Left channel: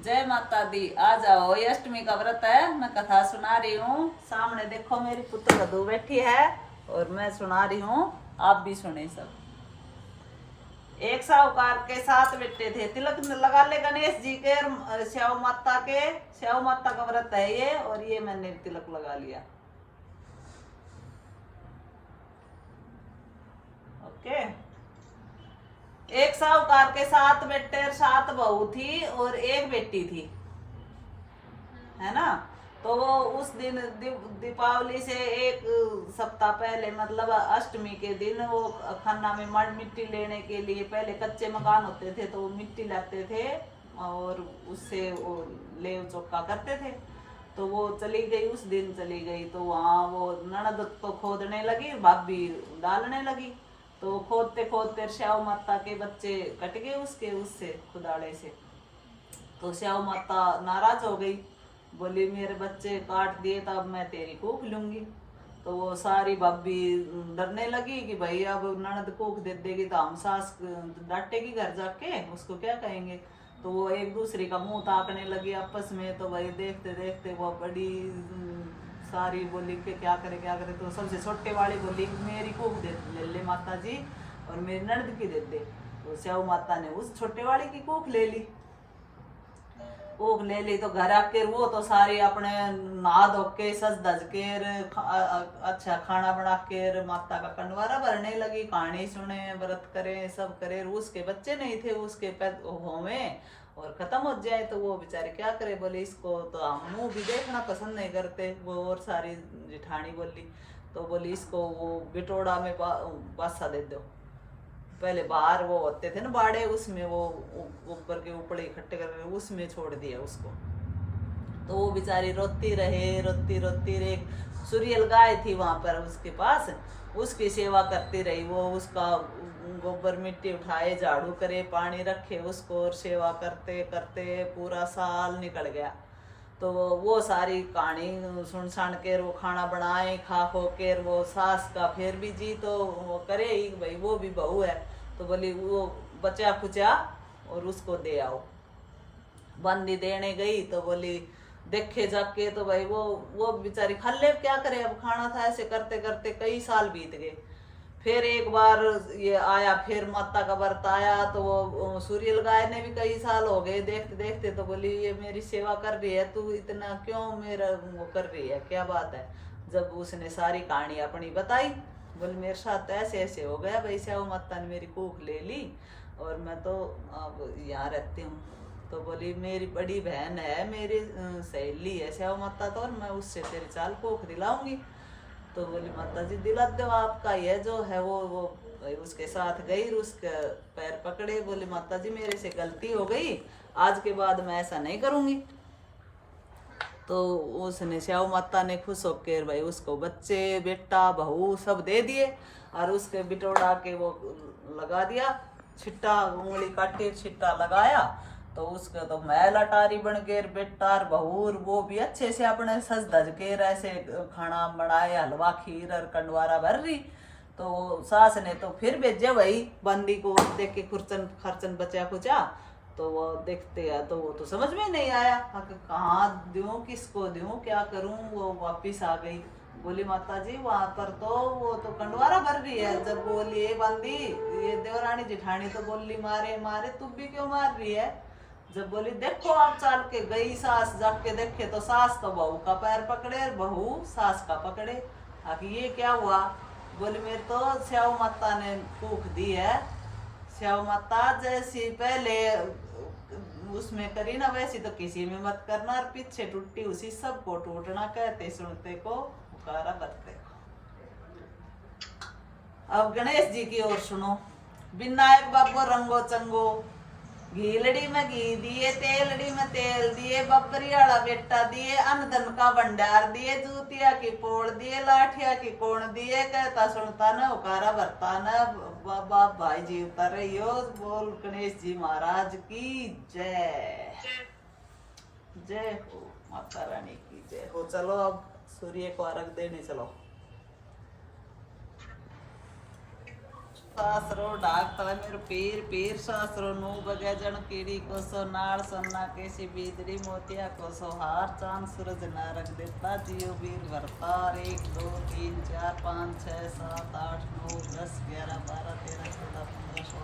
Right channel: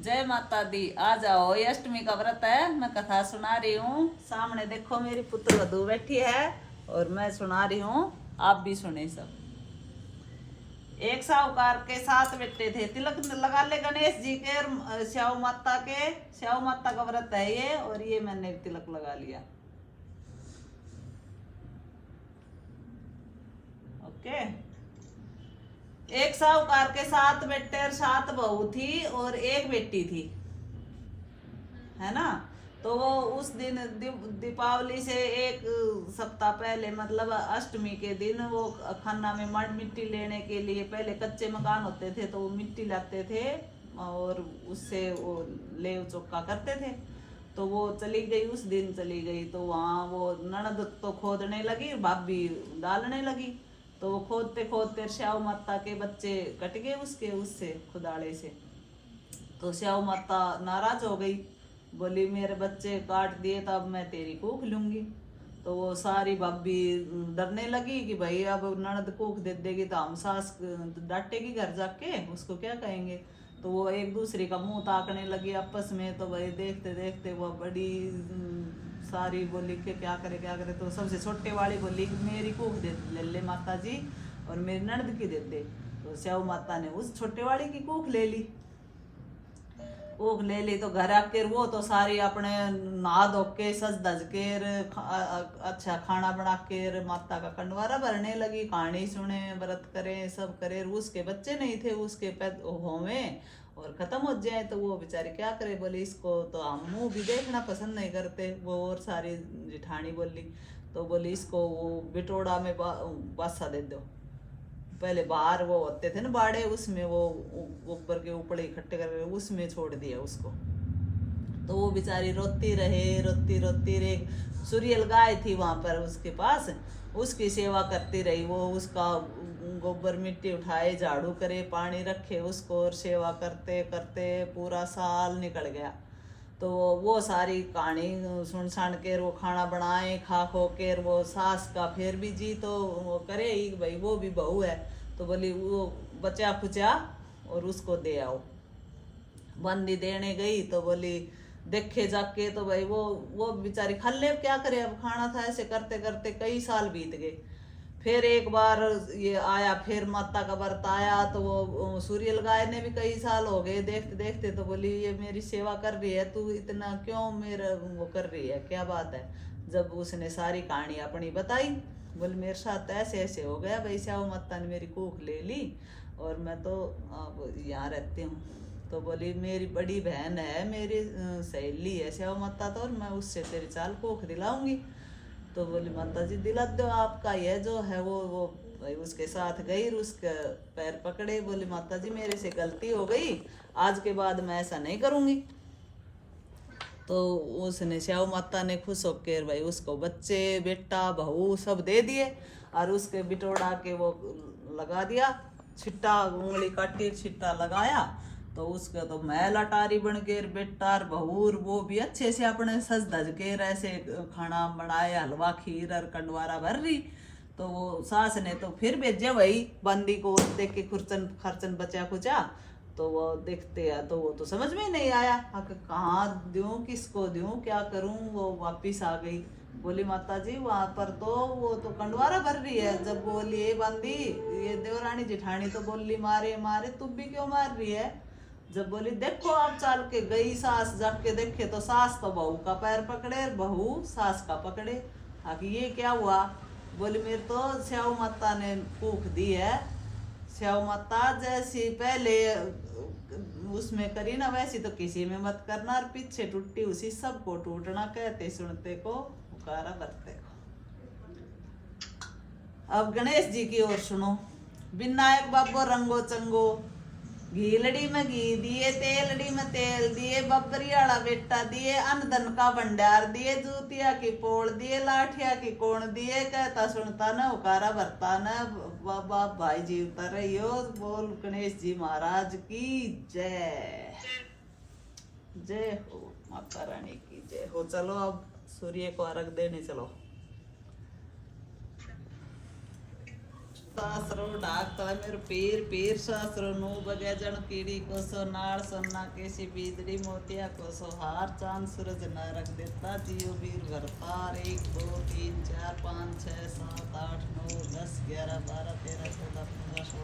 जय माता दी। आ जाओ, ये अष्टमी का व्रत है, मैं कथा सुना रही हूँ। सामने देखो मेरी पुत्र वधू बैठी है और मैं सुना रही हूँ, आप भी सुने सब। एक साहूकार के 7 बेटे थे। तिलक लगा ले गणेश जी के और श्याव माता के। श्याव माता का व्रत है ये, और ये मैंने तिलक लगा लिया। ओके। एक साहूकार के 7 बेटे और 7 बहू थी और एक बेटी थी, है ना। तो वो उस दिन दीपावली से एक सप्ताह पहले, मतलब अष्टमी के दिन, वो खन्ना में मड मिट्टी लेने के लिए, पहले कच्चे मकान होते थे तो वो मिट्टी लाते थे और उससे वो लेव चौका करते थे। तो वो चली गई, उस दिन चली गई। तो वहाँ वो ननद तो खोदने लगी, भाभी डालने लगी। तो वो खोदते खोदते श्याव माता के बच्चे कट गए उसके, उससे खुदाड़े से। तो श्याव माता नाराज हो गई, बोली मेरे बच्चे काट दिए तो अब मैं तेरी कूख लूंगी। तो वो सारी भाभी डरने लगी कि भाई अब ननद कूख दे देगी तो हम सास डांटेगी घर जाके, उसको क्या कहेंगे। तो वो एक दूसरे का मुंह ताकने लगी आपस में। तो भाई देखते देखते वो बड़ी सारी बोली कि क्या करे क्या करे। तो सबसे छोटे वाली बोली मेरी कूख दे ले ले माता जी, और मेरी ननद की दे दे। तो श्याव माता ने उस छोटे वाली की कूख ले ली। ऊख ले ली तो घर आके वो तो सारी अपने नहा धो के सज धज के अच्छा खाना बना के माता का कंडवारा भरने लगी, कहानी सुने, व्रत करे, सब करे। उसके बच्चे नहीं थे उसके होवे और खत्म हो जाए तो वो बेचारे क्या करे। बोले इसको तो हम मुंह भी देखना पसंद नहीं करते। वो और सारी जिठानी बोली, तो बोली इसको वो बिटोड़ा में बासा दे दो। पहले बाहर वो होते थे ना बाड़े, उसमें वो ऊपर के ऊपर इकट्ठे कर उसमें छोड़ दिया उसको। तो वो बेचारी रोती रहे, रोती रोती रहे। सूर्यल गाय थी वहां पर उसके पास, उसकी सेवा करती रही। वो उसका गोबर मिट्टी उठाए, झाड़ू करे, पानी रखे उसको, और सेवा करते करते पूरा साल निकल गया। तो वो सारी कहानी सुन सान के वो खाना बनाए, खा खो के वो सास का फिर भी जी तो वो करे ही भाई, वो भी बहू है। तो बोली वो बचा खुचा और उसको दे आओ। बंदी देने गई तो बोली देखे जाके तो भाई वो बेचारी खल्ले क्या करे, अब खाना था। ऐसे करते करते कई साल बीत गए। फिर एक बार ये आया, फिर माता का व्रत आया। तो वो सूर्यल गाय ने भी कई साल हो गए देखते देखते। तो बोली ये मेरी सेवा कर रही है, तू इतना क्यों मेरा वो कर रही है, क्या बात है। जब उसने सारी कहानी अपनी बताई, बोले मेरे साथ ऐसे ऐसे हो गया भाई, श्याव माता ने मेरी कूख ले ली और मैं तो अब यहाँ रहती हूँ। तो बोली मेरी बड़ी बहन है, मेरी सहेली है श्याव माता, तो और मैं उससे तेरी चाल कूख दिलाऊंगी। तो बोली माता जी दिला दो, आपका ये जो है वो भाई उसके साथ गई, उसके पैर पकड़े, बोली माता जी मेरे से गलती हो गई, आज के बाद मैं ऐसा नहीं करूंगी। तो उसने श्याव माता ने खुश होकर भाई उसको बच्चे बेटा बहू सब दे दिए, और उसके बिटोड़ा के वो लगा दिया छिट्टा, उंगली काटी छिट्टा लगाया। तो उसका तो मैल अटारी बन के बेटा और बहूर वो भी अच्छे से अपने सज धज के ऐसे खाना बनाए, हलवा खीर और कंडवारा भर रही। तो सास ने तो फिर भेजे भाई बंदी को, देख के खुरचन खर्चन बचा खुचा। तो वो देखते हैं तो वो तो समझ में नहीं आया कहाँ दूं, किसको दूं, क्या करूं। वो वापिस आ गई, बोली माता जी वहां पर तो वो तो कंडवारा भर रही है। जब बोली ए बंदी, ये देवरानी जिठानी तो बोली मारे मारे, तू भी क्यों मार रही है। जब बोली देखो आप चाल के गई, सास जाके देखे तो सास तो बहू का पैर पकड़े और बहू सास का पकड़े। आखिर ये क्या हुआ। बोली मेरे तो श्याव माता ने कूख दी है। श्याव माता जैसी पहले उसमें करी ना, वैसी तो किसी में मत करना, और पीछे टूटी उसी सबको टूटना, कहते सुनते को पुकारा करते को। अब गणेश जी की ओर सुनो। विनायक बाबो रंगो चंगो, घीलड़ी में घी दिए, तेलड़ी में तेल दिए, बबरी वाला बेटा दिए, अन्न धन का भंडार दिए, जूतिया की पोड़ दिए, लाठिया की कोण दिए, कहता सुनता न उकारा भरता न। बाबा भाई जीवता रहियो। बोल गणेश जी महाराज की जय। जय हो माता रानी की जय हो। चलो अब सूर्य को अर्घ देने चलो। सासरो ढाकता है मेरे पीर पीर सासरो नू बजे जन कीड़ी को सो नाड़ सोना केसी बीदड़ी मोतिया को सो हार चांद सूरज नारक देता जियो वीर भरतार 1 2 3 4 5 6 7 8 9 10 11 12 13 14 15